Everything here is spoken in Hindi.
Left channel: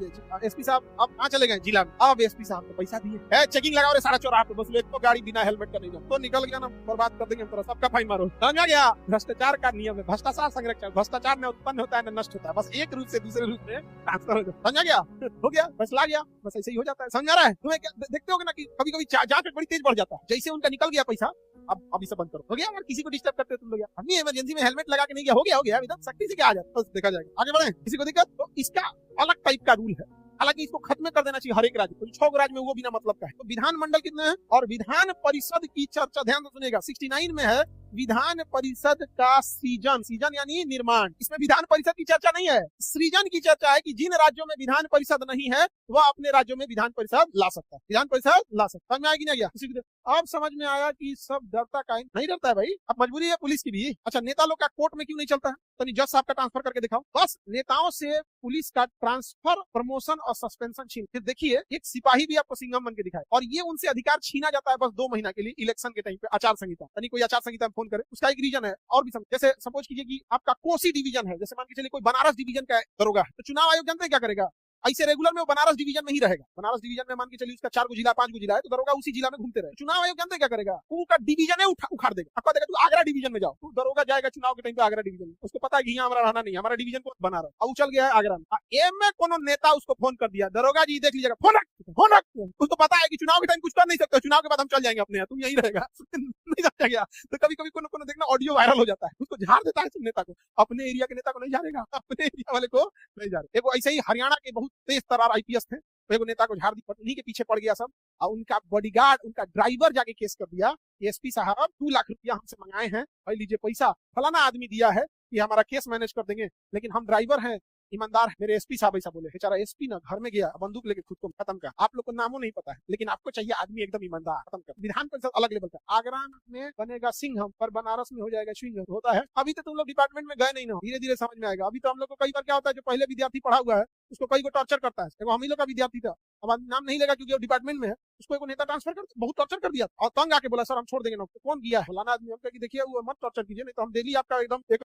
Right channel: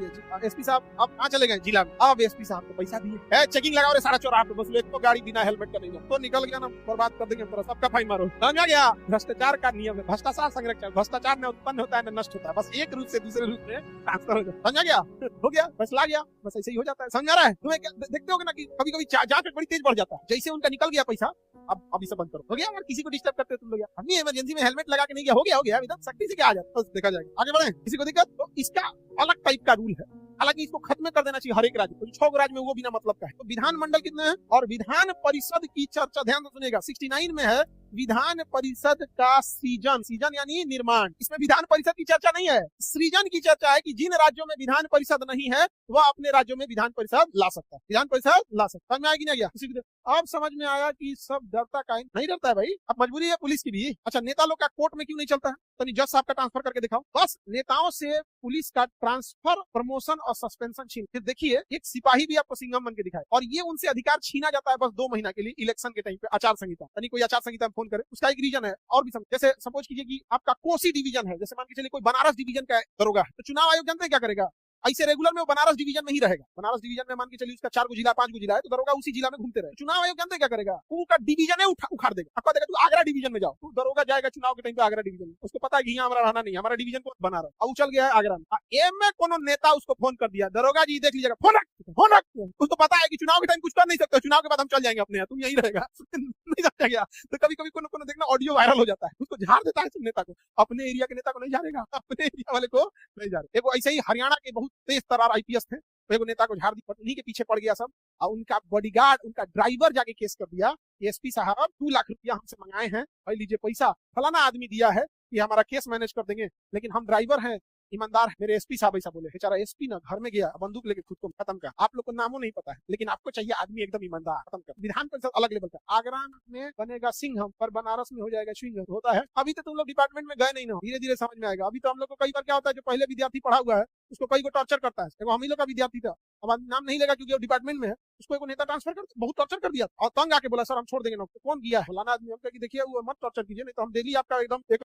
चलिए एसपी साहब आप कहाँ चले गए जिला में? अब एसपी साहब है चेकिंग लगा रहे 4:30 पे, बस एक तो गाड़ी बिना हेलमेट का नहीं तो निकल गया ना, बर्बाद कर देंगे पूरा, सबका फाइन मारो। समझा गया? भ्रष्टाचार का नियम है, भ्रष्टाचार संरक्षण, भ्रष्टाचार में उत्पन्न होता है ना नष्ट होता है, बस एक रूप से दूसरे रूप में ट्रांसफर हो जाता है। समझा गया? हो गया, बस ला गया, बस ऐसे ही हो जाता है। समझा रहा है? तुम्हें देखते होगे ना कि कभी कभी जांच बड़ी तेज बढ़ जाता है, जैसे उनका निकल गया पैसा, अब अभी सब बंद करो, हो गया। अगर किसी को डिस्टर्ब करते तुम लोग, अपनी इमरजेंसी में हेलमेट लगा के नहीं गया, हो गया एकदम सख्ती से क्या आ जाता है, बस देखा जाएगा। आगे बढ़े, किसी को दिक्कत तो इसका अलग टाइप का रूल है, हालांकि इसको खत्म कर देना चाहिए हर एक राज्य को, 6 राज्य में वो बिना मतलब का है। तो विधानमंडल कितने हैं और विधान परिषद की चर्चा ध्यान से सुनेगा, 69 में है विधान परिषद का सृजन, सृजन यानी निर्माण, इसमें विधान परिषद की चर्चा नहीं है, सृजन की चर्चा है कि जिन राज्यों में विधान परिषद नहीं है वह अपने राज्यों में विधान परिषद ला सकता है, विधान परिषद ला सकता है। समझ में आएगी नहीं गया? अब समझ में आया कि सब डरता का नहीं डरता है भाई, अब मजबूरी है पुलिस की भी। अच्छा, नेता लोग का कोर्ट में क्यों नहीं चलता है? तो जज साहब का ट्रांसफर करके देखो, बस नेताओं से पुलिस का ट्रांसफर, प्रमोशन और सस्पेंशन छीन, फिर देखिए एक सिपाही भी आपको सिंघम बन के दिखाए, और ये उनसे अधिकार छीना जाता है बस 2 महीना के लिए इलेक्शन के टाइम पे, आचार संहिता, यानी कोई आचार संहिता में फोन करे, उसका एक रीजन है। और भी जैसे सपोज कीजिए कि आपका कोसी डिवीजन है, जैसे मान के चलिए कोई बनारस डिवीजन का दरोगा है, तो चुनाव आयोग जानते हैं क्या करेगा? ऐसे रेगुलर में वो बनारस डिवीजन में ही रहेगा, बनारस डिवीजन में मान के चलिए उसका 4 गो जिला 5 गो जिला है, तो दरोगा उसी जिला में घूमते रहे। चुनाव आयोग जानते क्या करेगा? पूरा डिवीजन है उखाड़ देगा, आपको देगा तू आगरा डिवीजन में जाओ, तू दरोगा जाएगा चुनाव के टाइम पे आगरा डिवीजन में, उसको पता है कि यहाँ हमारा रहना नहीं, हमारा डिवीजन को बना रहा, अब चल गया है आगरा में। एम में कोनो नेता उसको फोन कर दिया, दरोगा जी देख लीजिएगा, फोन उसको पता है कि चुनाव के टाइम कुछ कर नहीं सकता, चुनाव के बाद हम चल जाएंगे अपने यहाँ, तुम यही रहेगा नहीं जाता गया। तो कभी कभी कोनो देखना ऑडियो वायरल हो जाता है, उसको झाड़ देता है सब नेता को, अपने एरिया के नेता को नहीं झाड़ेगा, अपने एरिया वाले को नहीं झाड़े। एगो ऐसे ही हरियाणा के बहुत तेज तर्रार आईपीएस थे, तो एगो नेता को झाड़ दी, उन्हीं के पीछे पड़ गया सब, और उनका बॉडीगार्ड, उनका ड्राइवर जाके केस कर दिया, एसपी साहब 2 लाख रुपया हमसे मंगाए हैं, भाई लीजिए पैसा, फलाना आदमी दिया है कि हमारा केस मैनेज कर देंगे, लेकिन हम ड्राइवर हैं, ईमानदार है। मेरे एसपी साहब ऐसा बोले, बेचारा एसपी ना घर में गया, बंदूक लेके खुद को खत्म कर। आप लोग को नामों नहीं पता है, लेकिन आपको चाहिए आदमी एकदम ईमानदार, खत्म कर। विधान परिषद अलग लेवल का, आगरा में बनेगा सिंघम पर बनारस में हो जाएगा सिंघम, होता है। अभी तो तुम लोग डिपार्टमेंट में गए नहीं ना, धीरे धीरे समझ में आएगा। अभी तो हम लोग को कई बार क्या होता है, जो पहले विद्यार्थी पढ़ा हुआ है उसको कई को टॉर्चर करता है, देखो हम ही लोग का विद्यार्थी था, अब नाम नहीं लेगा क्योंकि वो डिपार्टमेंट में है, उसको एक नेता ट्रांसफर कर बहुत टॉर्चर कर दिया, और तंग आके बोला सर हम छोड़ देंगे नौकरी, कौन किया है फलाना आदमी, हम कहा कि देखिए वो मत टॉर्चर कीजिए, नहीं तो हम डेली आपका एकदम एक